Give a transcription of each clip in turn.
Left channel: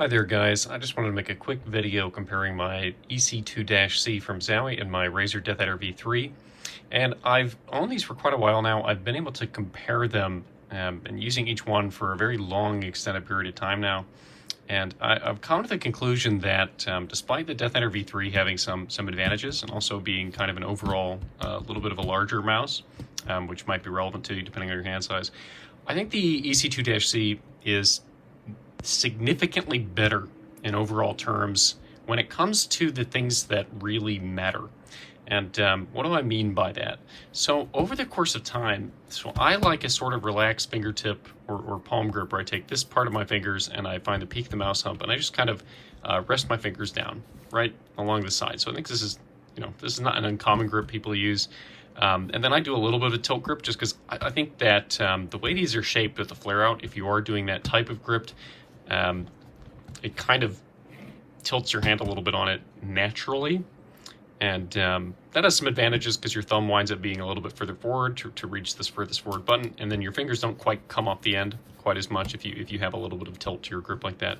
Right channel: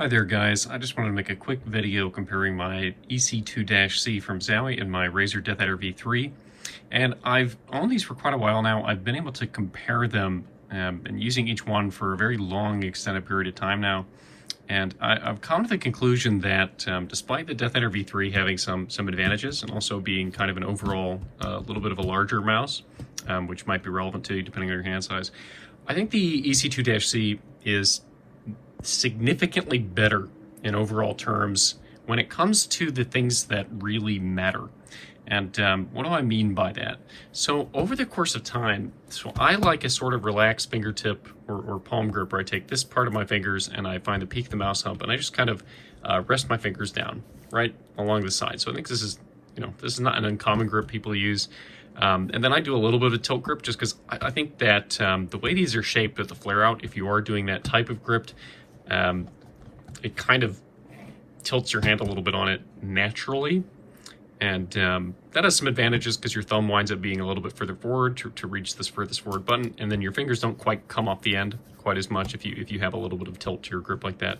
Hi there guys, I just wanted to make a quick video comparing my EC2-C from Zowie and my Razer DeathAdder V3. And I've owned these for quite a while now. I've been able to compare them and using each one for a very long extended period of time now. And I've come to the conclusion that despite the DeathAdder V3 having some advantages and also being kind of an overall little bit of a larger mouse, which might be relevant to you depending on your hand size, I think the EC2-C is significantly better in overall terms when it comes to the things that really matter. And what do I mean by that? So over the course of time, so I like a sort of relaxed fingertip or palm grip where I take this part of my fingers and I find the peak of the mouse hump and I just kind of rest my fingers down right along the side. So I think this is, this is not an uncommon grip people use. And then I do a little bit of a tilt grip just because I think that the way these are shaped with the flare out, if you are doing that type of grip, it kind of tilts your hand a little bit on it naturally. And that has some advantages because your thumb winds up being a little bit further forward to reach this furthest forward button, and then your fingers don't quite come off the end quite as much if you have a little bit of tilt to your grip like that.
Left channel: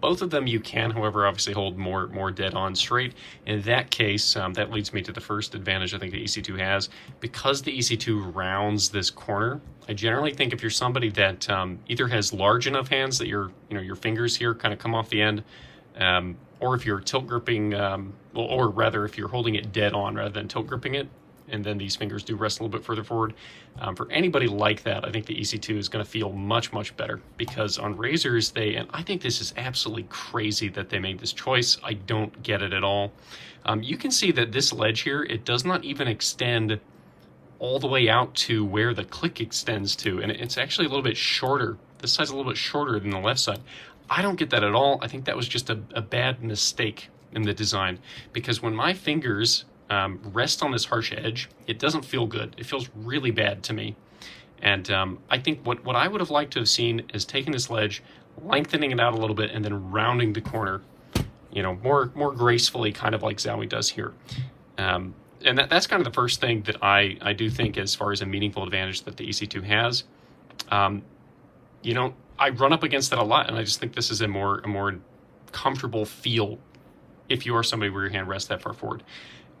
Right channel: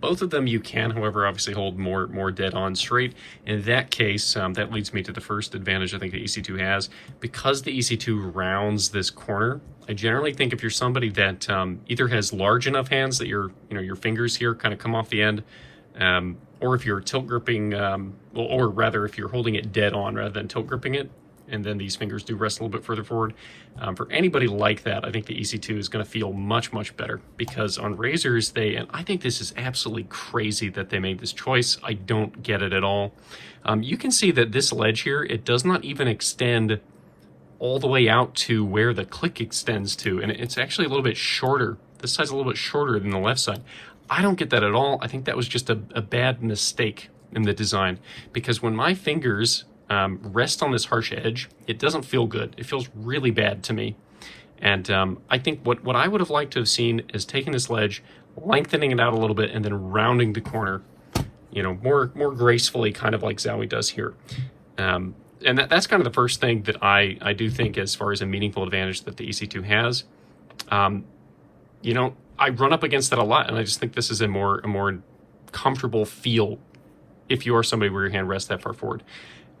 Both of them you can, however, obviously hold more dead on straight. In that case, that leads me to the first advantage I think the EC2 has. Because the EC2 rounds this corner, I generally think if you're somebody that either has large enough hands that your fingers here kind of come off the end, or if you're tilt gripping, or rather if you're holding it dead on rather than tilt gripping it, and then these fingers do rest a little bit further forward. For anybody like that, I think the EC2 is going to feel much better, because on Razers, and I think this is absolutely crazy that they made this choice. I don't get it at all. You can see that this ledge here, it does not even extend all the way out to where the click extends to, and it's actually a little bit shorter. This side's a little bit shorter than the left side. I don't get that at all. I think that was just a bad mistake in the design, because when my fingers rest on this harsh edge, it doesn't feel good. It feels really bad to me. And I think what I would have liked to have seen is taking this ledge, lengthening it out a little bit, and then rounding the corner, more gracefully, kind of like Zowie does here. And that's kind of the first thing that I do think as far as a meaningful advantage that the EC2 has. I run up against that a lot, and I just think this is a more comfortable feel if you are somebody where your hand rests that far forward.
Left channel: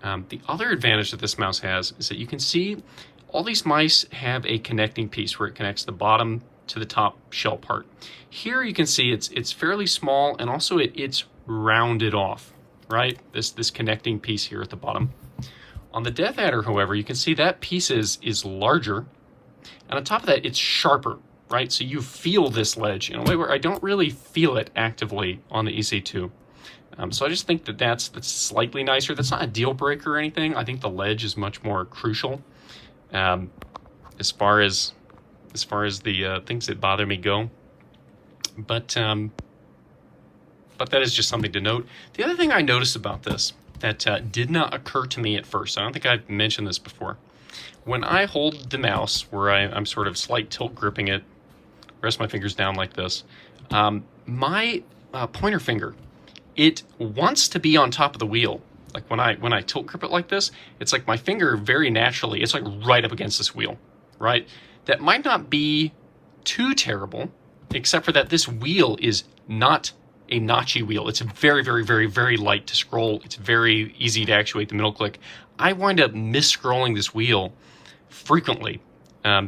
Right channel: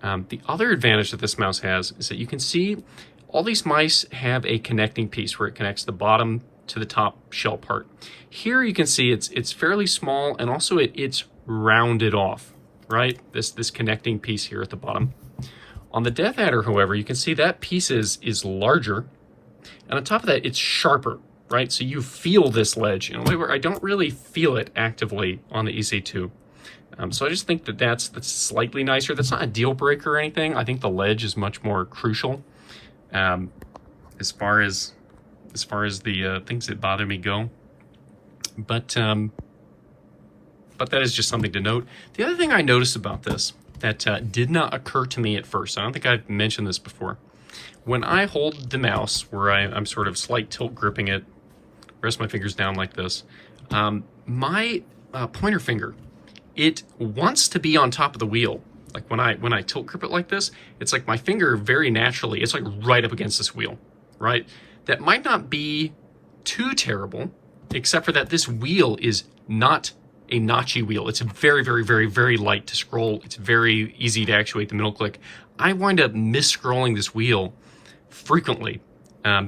The other advantage that this mouse has is that you can see all these mice have a connecting piece where it connects the bottom to the top shell part. Here you can see it's fairly small, and also it's rounded off, right? This connecting piece here at the bottom. On the DeathAdder, however, you can see that piece is larger, and on top of that, it's sharper, right? So you feel this ledge in a way where I don't really feel it actively on the EC2. So I just think that's slightly nicer. That's not a deal breaker or anything. I think the ledge is much more crucial as far as the things that bother me go. But that is just something to note. The other thing I noticed about this that did not occur to me at first, I don't think I've mentioned this before. When I hold the mouse, where I'm sort of slight tilt gripping it, rest my fingers down like this, my pointer finger, it wants to be on top of the wheel. Like when I tilt grip it like this, it's like my finger very naturally, it's like right up against this wheel, right? That might not be too terrible, except for that this wheel is not a notchy wheel. It's very light to scroll. It's very easy to actuate the middle click. I wind up mis-scrolling this wheel frequently,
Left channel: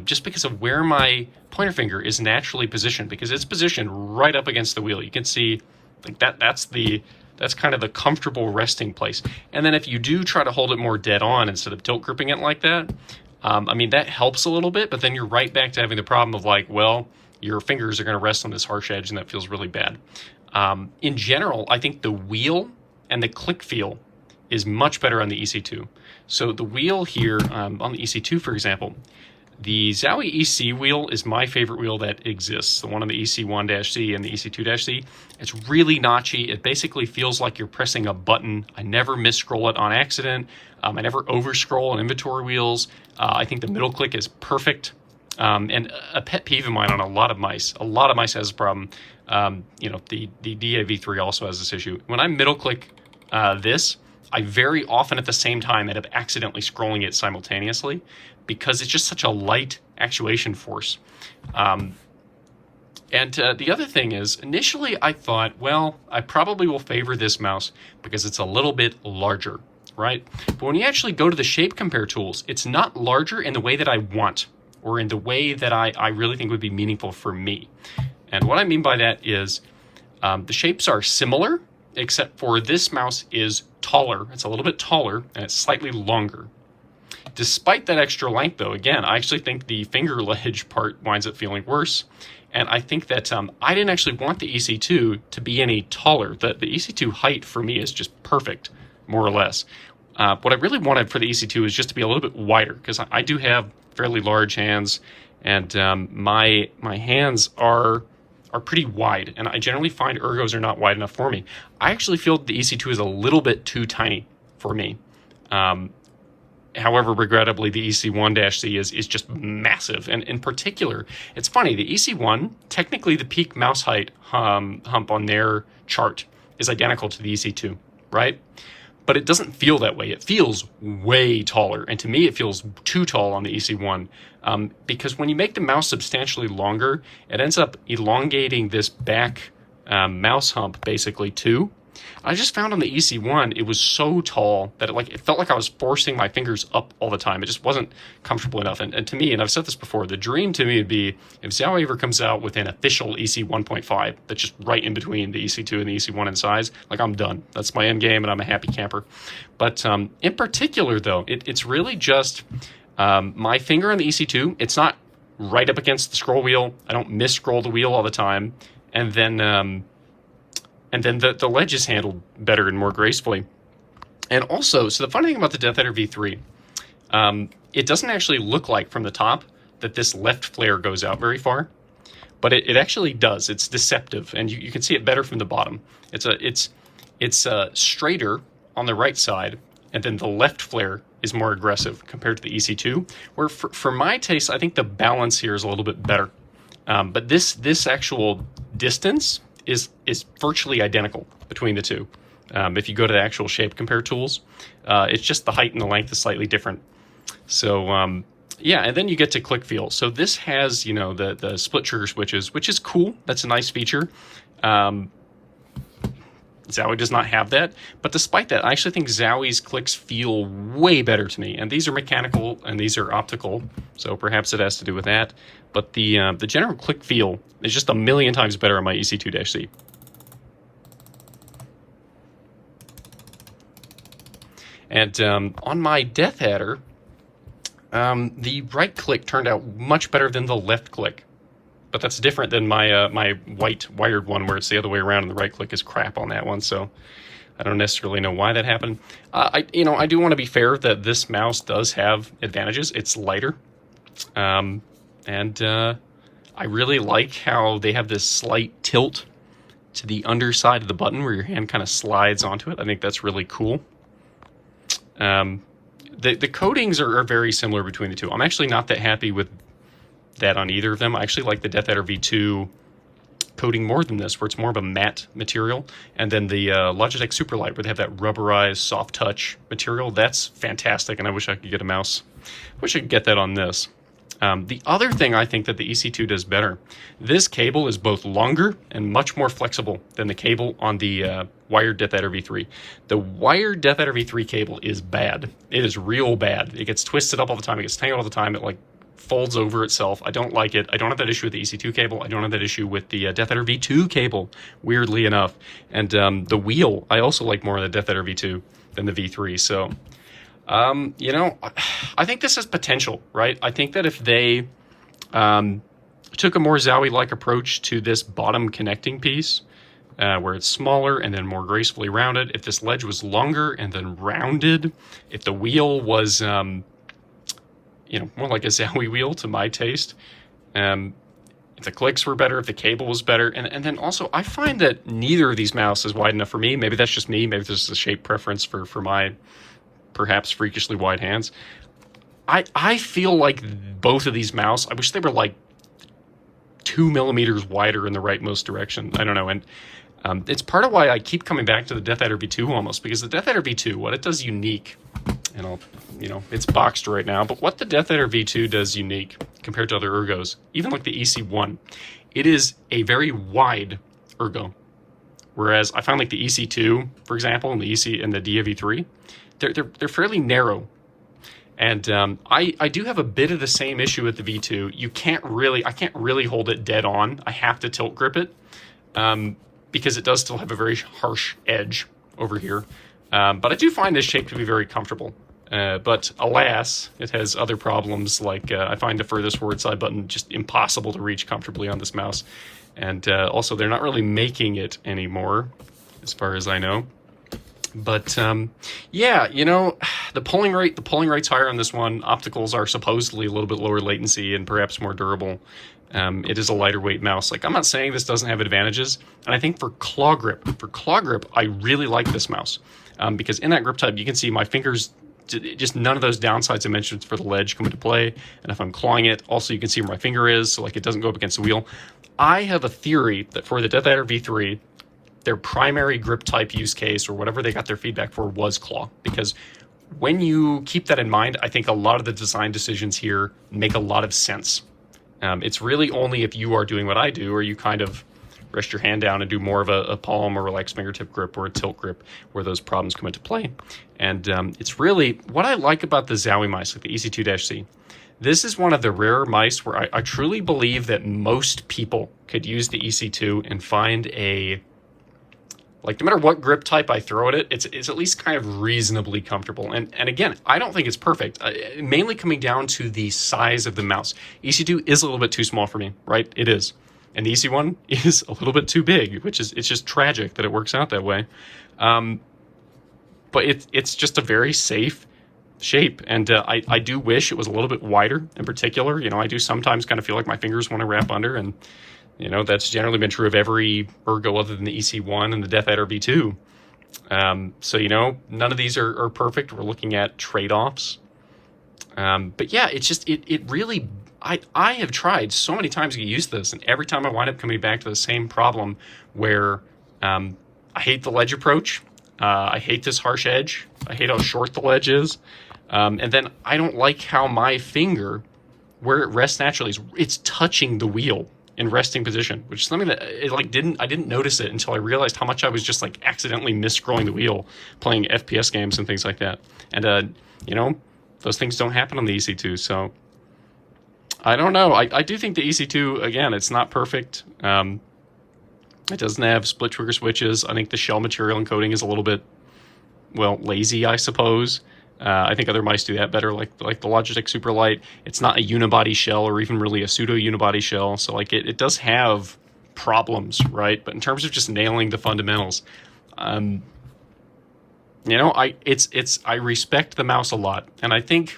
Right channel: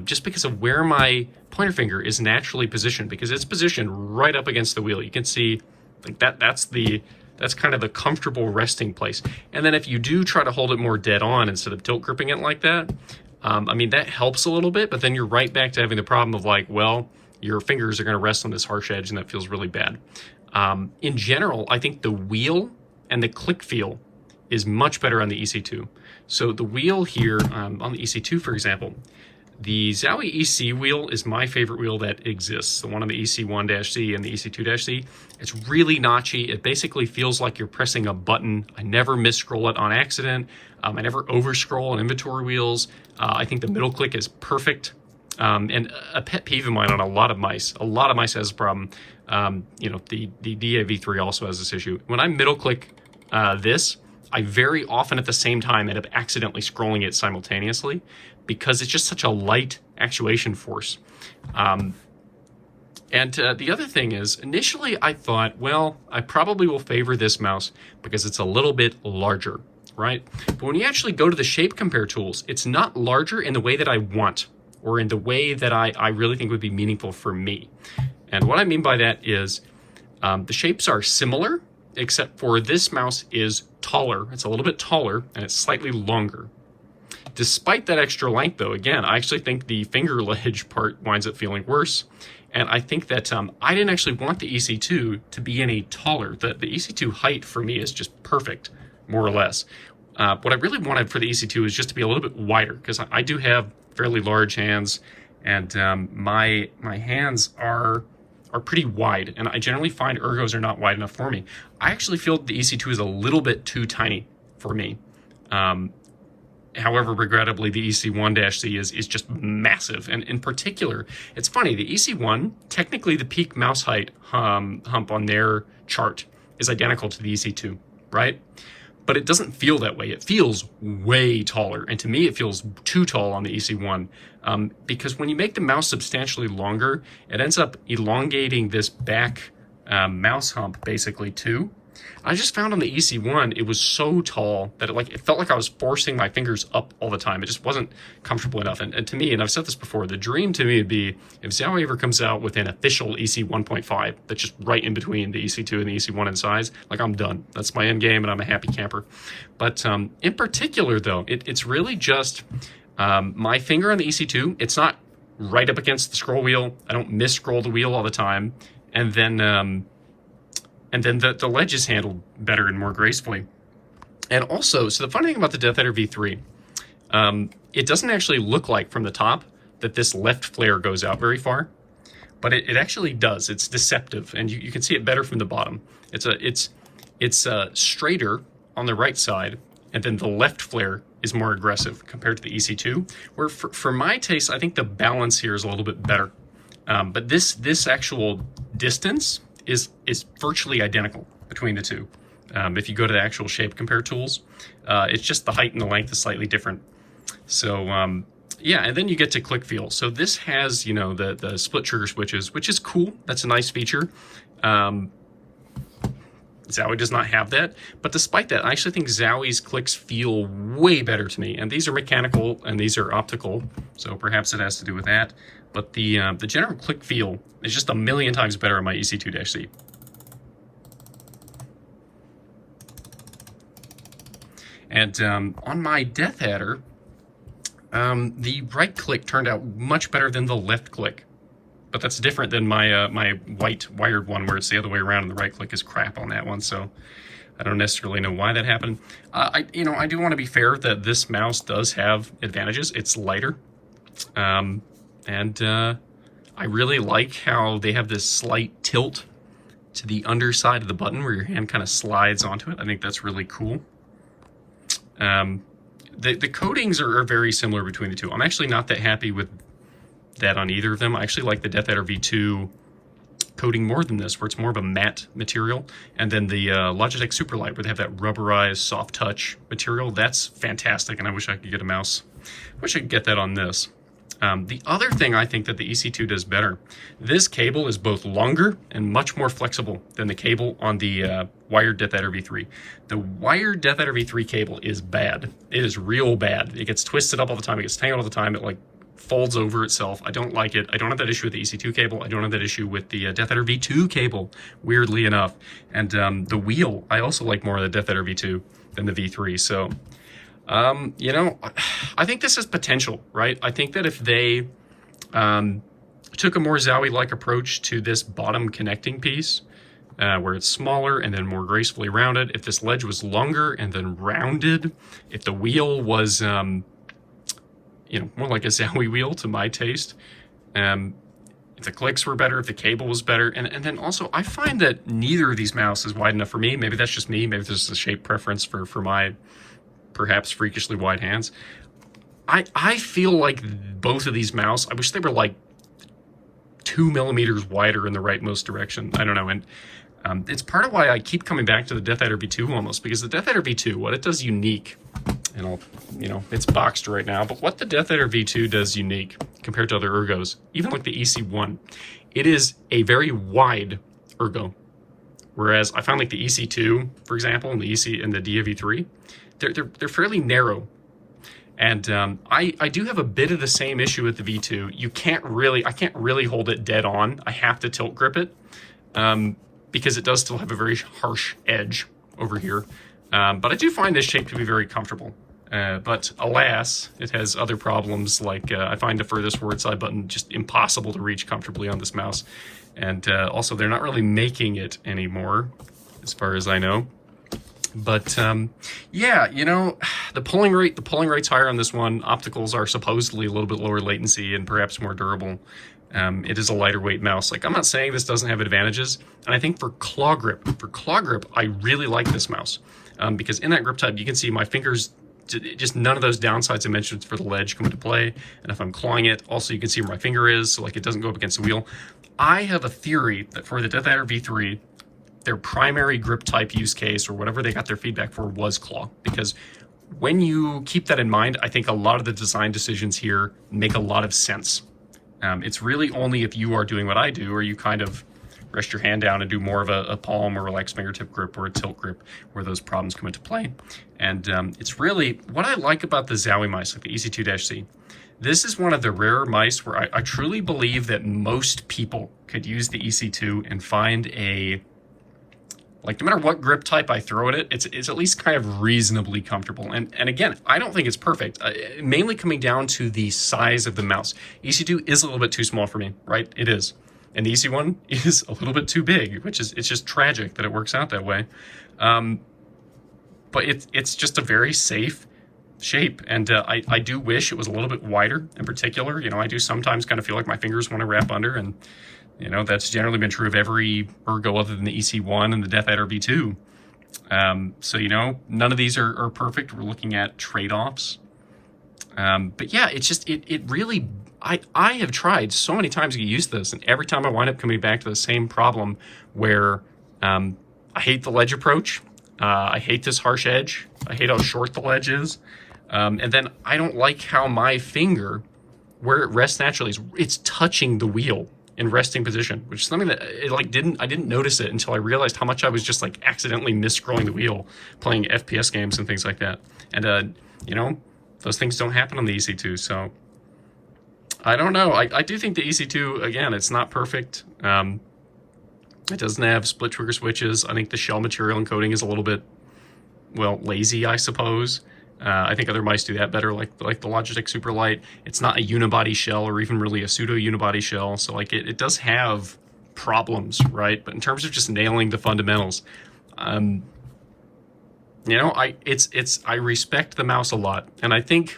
just because of where my pointer finger is naturally positioned, because it's positioned right up against the wheel. You can see like that's kind of the comfortable resting place. And then if you do try to hold it more dead on instead of tilt gripping it like that, I mean, that helps a little bit, but then you're right back to having the problem of like, well, your fingers are going to rest on this harsh edge, and that feels really bad. In general, I think the wheel and the click feel is much better on the EC2. So the wheel here on the EC2, for example, the Zowie EC wheel is my favorite wheel that exists. The one on the EC1-C and the EC2-C. It's really notchy. It basically feels like you're pressing a button. I never mis-scroll it on accident. I never over-scroll on inventory wheels. I think the middle click is perfect. And a pet peeve of mine on a lot of mice has this problem. The DAV3 also has this issue. When I middle click this, I very often at the same time end up accidentally scrolling it simultaneously, because it's just such a light actuation force. And the other thing is, initially I thought, well, I probably will favor this mouse because it's a little bit larger, right? But when you actually go to the shape compare tools, it's not larger in the way that I want, or in the way that I really think would be meaningful for me. And what I mean by that is the shapes are similar, except for this mouse is taller. It's a little bit taller, and it's slightly longer. Despite that extra length, though, again, I actually think the finger ledge part winds up feeling worse. And I think that I didn't actually want the EC2 to be any taller. The EC2 height for me is just perfect, more or less. What I really wanted for the EC2 is just to be a little bit wider, because I do have fairly large hands, and my hands are pretty wide, and I generally find ergos are not wide enough for me. I actually feel the EC2 is a little bit too tiny for me. However, regrettably, the EC1-C is just massive. And in particular, it's funny, the EC1, technically the peak mouse height hump on their chart is identical to the EC2, right? But it doesn't feel that way. It feels way taller. And to me, it feels too tall on the EC1 because when you make the mouse substantially longer, it ends up elongating this back mouse hump basically too. I just found on the EC1, it was so tall that it felt like I was forcing my fingers up all the time. It just wasn't comfortable enough. And to me, and I've said this before, the dream to me would be if Zowie ever comes out with an official EC 1.5 that's just right in between the EC2 and the EC1 in size, like I'm done. That's my end game and I'm a happy camper. But in particular though, it's really just my finger on the EC2. It's not right up against the scroll wheel. I don't miss scroll the wheel all the time. And then the ledge is handled better and more gracefully. And also, so the funny thing about the DeathAdder V3, it doesn't actually look like from the top that this left flare goes out very far, but it actually does. It's deceptive, and you can see it better from the bottom. It's straighter on the right side, and then the left flare is more aggressive compared to the EC2, where for my taste, I think the balance here is a little bit better. But this actual distance is virtually identical between the two. If you go to the actual shape compare tools, it's just the height and the length is slightly different. So yeah, and then you get to click feel. So this has, you know, the split trigger switches, which is cool. That's a nice feature. Zowie does not have that, but despite that, I actually think Zowie's clicks feel way better to me. And these are mechanical and these are optical, so perhaps it has to do with that. But the general click feel is just a million times better on my EC2-C. And on my DeathAdder, the right click turned out much better than the left click. But that's different than my my white wired one, where it's the other way around and the right click is crap on that one. So I don't necessarily know why that happened. I do want to be fair that this mouse does have advantages. It's lighter. And I really like how they have this slight tilt to the underside of the button where your hand kind of slides onto it. I think that's really cool. The coatings are very similar between the two. I'm actually not that happy with that on either of them. I actually like the DeathAdder V2 coating more than this, where it's more of a matte material. And then the Logitech Superlight, where they have that rubberized soft touch material. That's fantastic, and I wish I could get a mouse. I wish I could get that on this. The other thing I think that the EC2 does better, this cable is both longer and much more flexible than the cable on the wired DeathAdder V3. The wired DeathAdder V3 cable is bad. It is real bad. It gets twisted up all the time. It gets tangled all the time. It like folds over itself. I don't like it. I don't have that issue with the EC2 cable. I don't have that issue with the DeathAdder V2 cable, weirdly enough. And the wheel, I also like more of the DeathAdder V2 than the V3. So you know, I think this has potential, right? I think that if they took a more Zowie-like approach to this bottom connecting piece, where it's smaller and then more gracefully rounded, if this ledge was longer and then rounded, if the wheel was, you know, more like a Zowie wheel to my taste, if the clicks were better, if the cable was better, and then also I find that neither of these mouses is wide enough for me. Maybe that's just me. Maybe this is a shape preference for my perhaps freakishly wide hands. I feel like both of these mouse, I wish they were like 2 millimeters wider in the rightmost direction. I don't know. And it's part of why I keep coming back to the DeathAdder V2 almost, because the DeathAdder V2, what it does unique and I'll, it's boxed right now. But what the DeathAdder V2 does unique compared to other ergos, even like the EC1, it is a very wide ergo. Whereas I find like the EC2, for example, and the EC and the DeathAdder V3, they're fairly narrow. And I do have a bit of the same issue with the V2. I can't really hold it dead on. I have to tilt grip it because it does still have a very harsh edge over here. But I do find this shape to be very comfortable. But alas, it has other problems, like I find the furthest forward side button just impossible to reach comfortably on this mouse. And also, they're not really making it anymore, as far as I know. But yeah, the pulling rate's higher on this one. Opticals are supposedly a little bit lower latency and perhaps more durable. It is a lighter weight mouse. Like, I'm not saying this doesn't have advantages. And I think for claw grip, I really like this mouse. Because in that grip type, you can see my fingers, just none of those downsides I mentioned for the ledge come into play. And if I'm clawing it, also you can see where my finger is, so like it doesn't go up against the wheel. I have a theory that for the DeathAdder V3, their primary grip type use case, or whatever they got their feedback for, was claw. Because when you keep that in mind, I think a lot of the design decisions here make a lot of sense. It's really only if you are doing what I do, or you kind of rest your hand down and do more of a palm or relaxed fingertip grip or a tilt grip, where those problems come into play. And it's really what I like about the Zowie mice, like the EC2-C. This is one of the rarer mice where I truly believe that most people could use the EC2 and find like, no matter what grip type I throw at it, it's at least kind of reasonably comfortable. And again, I don't think it's perfect, mainly coming down to the size of the mouse. EC2 is a little bit too small for me, right? It is. And the EC1 is a little bit too big, it's just tragic that it works out that way. But it's just a very safe shape. And I do wish it was a little bit wider in particular. I do sometimes kind of feel like my fingers want to wrap under, and that's generally been true of every ergo other than the EC1 and the DeathAdder V2. So, none of these are perfect. We're looking at trade-offs. But yeah, it's just, it really, I have tried so many times to get used to this, and every time I wind up coming back to the same problem where I hate the ledge approach. I hate this harsh edge. I hate how short the ledge is. And then I don't like how my finger, where it rests naturally, it's touching the wheel in resting position, which is something that I didn't notice it until I realized how much I was just like accidentally mis-scrolling the wheel playing FPS games and things like that. And those things don't happen on the EC2, so I don't know. I do think the EC2, again, it's not perfect. It doesn't have split trigger switches. I think the shell material encoding is a little bit, well, lazy, I suppose. I think other mice do that better, like the Logitech Superlight. It's not a unibody shell or even really a pseudo unibody shell, so like it does have problems, right? But in terms of just nailing the fundamentals, I respect the mouse a lot, and I think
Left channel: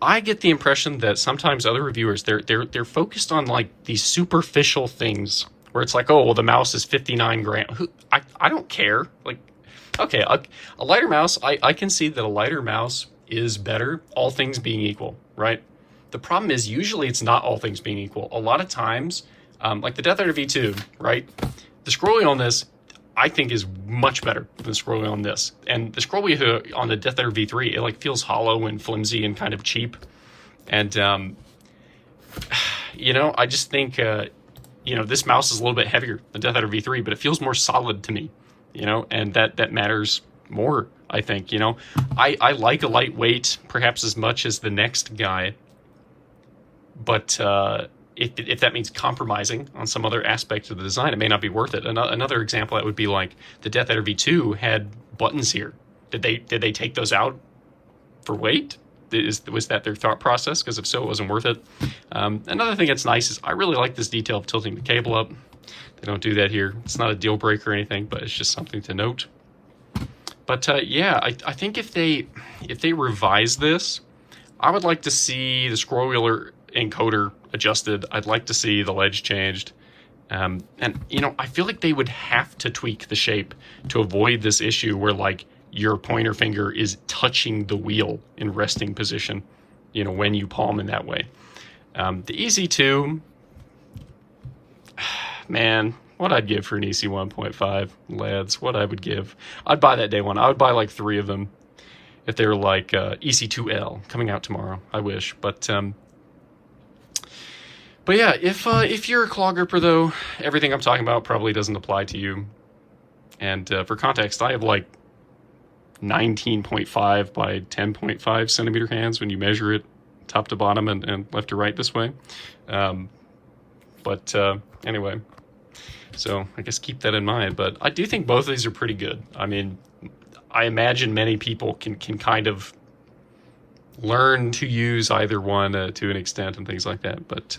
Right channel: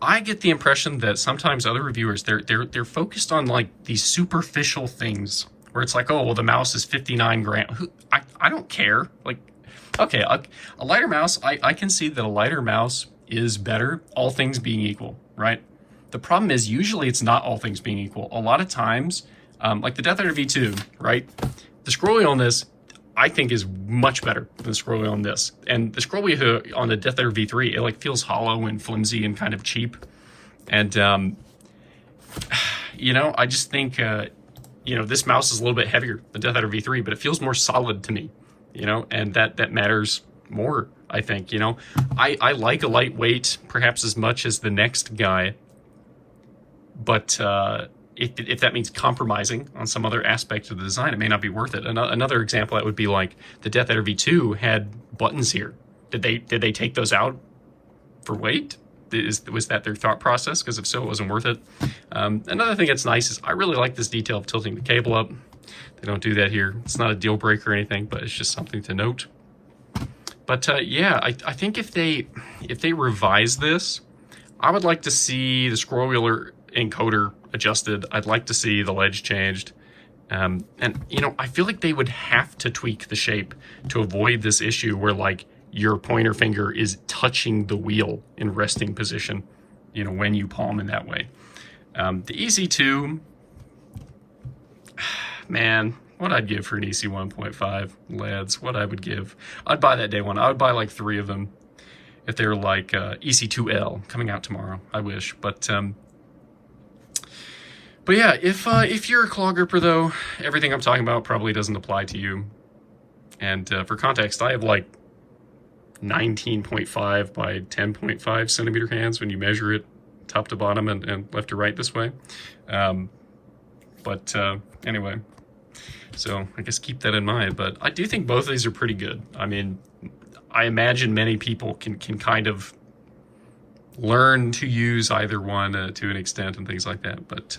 I get the impression that sometimes other reviewers they're focused on like these superficial things where it's like, oh, well, the mouse is 59 grams. I don't care, like. Okay, a lighter mouse, I can see that a lighter mouse is better, all things being equal, right? The problem is usually it's not all things being equal. A lot of times, like the DeathAdder V2, right? The scroll wheel on this, I think, is much better than the scroll wheel on this. And the scroll wheel on the DeathAdder V3, it like feels hollow and flimsy and kind of cheap. And, I just think, this mouse is a little bit heavier than DeathAdder V3, but it feels more solid to me. And that matters more, I think. I like a lightweight perhaps as much as the next guy, but if that means compromising on some other aspect of the design, it may not be worth it. Another example that would be like the DeathAdder V2 had buttons here. Did they take those out for weight? Was that their thought process? Because if so, it wasn't worth it. Another thing that's nice is I really like this detail of tilting the cable up. They don't do that here. It's not a deal breaker or anything, but it's just something to note. But yeah, I think if they revise this, I would like to see the scroll wheel encoder adjusted. I'd like to see the ledge changed. And I feel like they would have to tweak the shape to avoid this issue where like your pointer finger is touching the wheel in resting position, when you palm in that way. The EC2, man, what I'd give for an EC 1.5, lads, what I would give. I'd buy that day one. I would buy like 3 of them. if they're like EC2L coming out tomorrow. I wish, but yeah, if you're a claw gripper though, everything I'm talking about probably doesn't apply to you. And for context, I have like 19.5 by 10.5 centimeter hands when you measure it top to bottom and left to right this way. Anyway, so I guess keep that in mind. But I do think both of these are pretty good. I mean, I imagine many people can kind of learn to use either one to an extent and things like that. But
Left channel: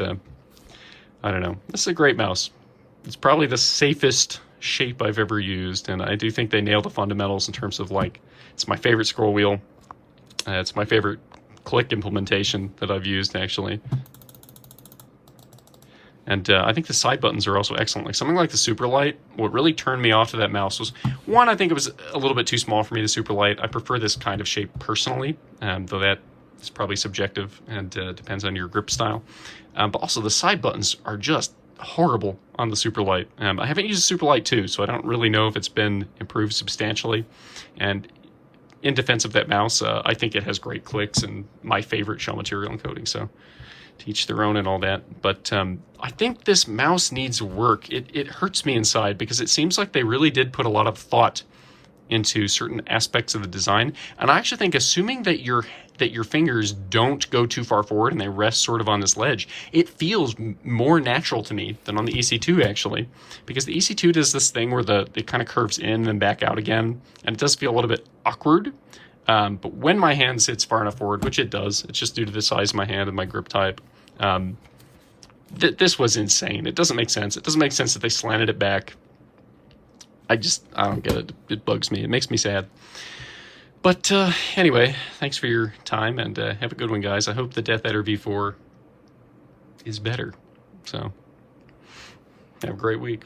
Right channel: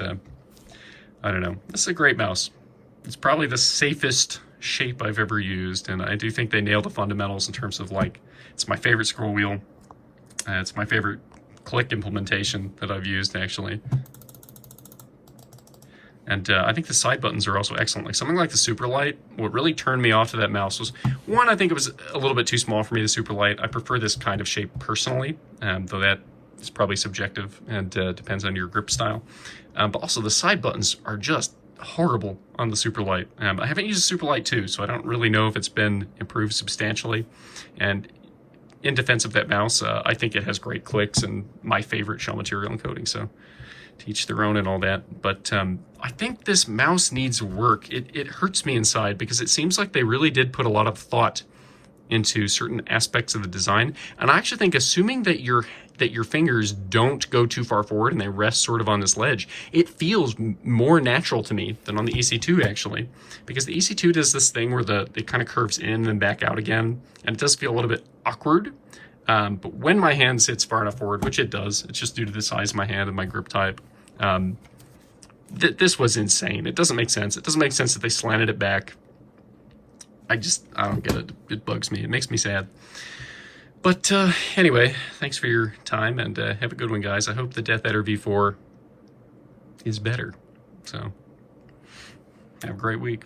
I don't know. This is a great mouse. It's probably the safest shape I've ever used, and I do think they nailed the fundamentals in terms of, like, it's my favorite scroll wheel. It's my favorite click implementation that I've used, actually. And I think the side buttons are also excellent. Like something like the Superlight, what really turned me off to that mouse was, one, I think it was a little bit too small for me, the Superlight. I prefer this kind of shape personally, though that is probably subjective and depends on your grip style. But also the side buttons are just horrible on the Superlight. I haven't used the Superlight 2, so I don't really know if it's been improved substantially. And in defense of that mouse, I think it has great clicks and my favorite shell material and coating, so to each their own and all that. But I think this mouse needs work. It hurts me inside because it seems like they really did put a lot of thought into certain aspects of the design. And I actually think, assuming that your fingers don't go too far forward and they rest sort of on this ledge, it feels more natural to me than on the EC2, actually, because the EC2 does this thing where it kind of curves in and back out again, and it does feel a little bit awkward. But when my hand sits far enough forward, which it does, it's just due to the size of my hand and my grip type, this was insane. It doesn't make sense. It doesn't make sense that they slanted it back. I don't get it. It bugs me. It makes me sad. But anyway, thanks for your time, and have a good one, guys. I hope the DeathAdder V4 is better. So, have a great week.